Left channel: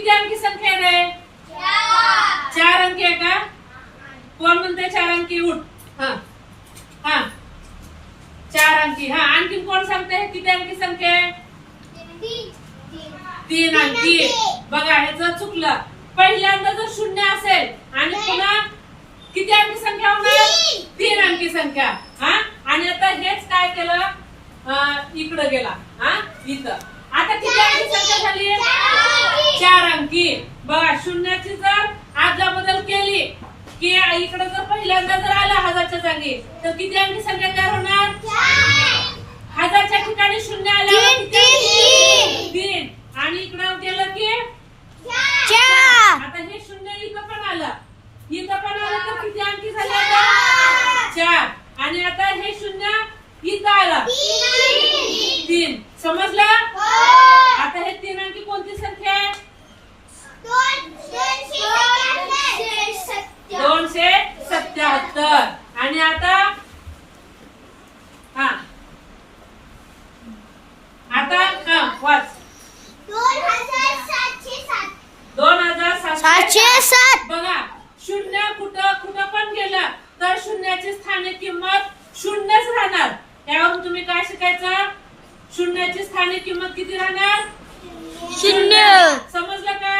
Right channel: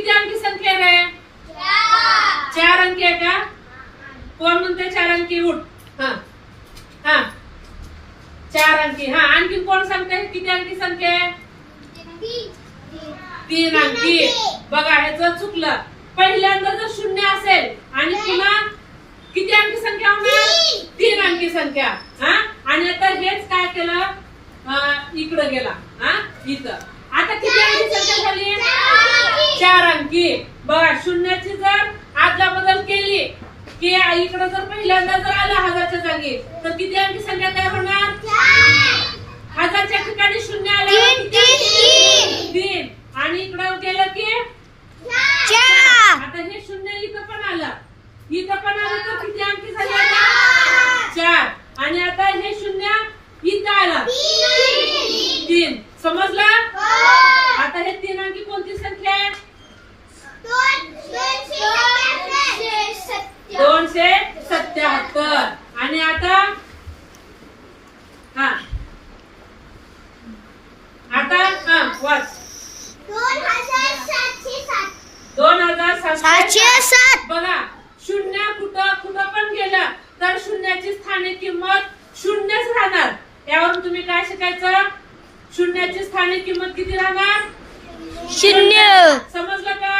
किती अंकी संख्या आहे रे? 4 अंकी आहे का? कोण म्हणते 4 अंकी? उठ. हा हा 4 अंकी. हा आणखी कोण सांगते किती अंकी संख्या आहे? 3 अंकी. बघा ह्याचं चुकलं. पहिल्यांदा जर शून्य असेल आणि पुन्हा किती अंकी संख्या होणार? 3 अंकी संख्या. हा आणि आता हेच काय केलं? इकडे गेला. हा इथं आता किती अंकी संख्या झाली? 4 अंकी. बघा शून्याची जर आदला बदल केली की इकडे जर पहिल्यांदा जर आला 1000च्या जागी तर किती अंकी संख्या तयार होणार? 1000च्या ठिकाणी शून्य आलं 3 आणि इकडे गेलं की 4. आता हे शून्य इथं पण आलं. इथं पण आलं तर किती अंकी झाले? 4. आणि आता हे शून्य इथं आलं 3. समजलं? आता हे 3 अंकी कोणती संख्या आहे? 277. आणि आता हा वाच 2707. बघा शून्य कुठं पण गेलं तर शून्याची स्थानिक किंमत शून्यच राहणार. त्यावरून तुम्ही काय शिकायचं? शून्याची स्थानिक किंमत किती राहणार? 0. समजलं का?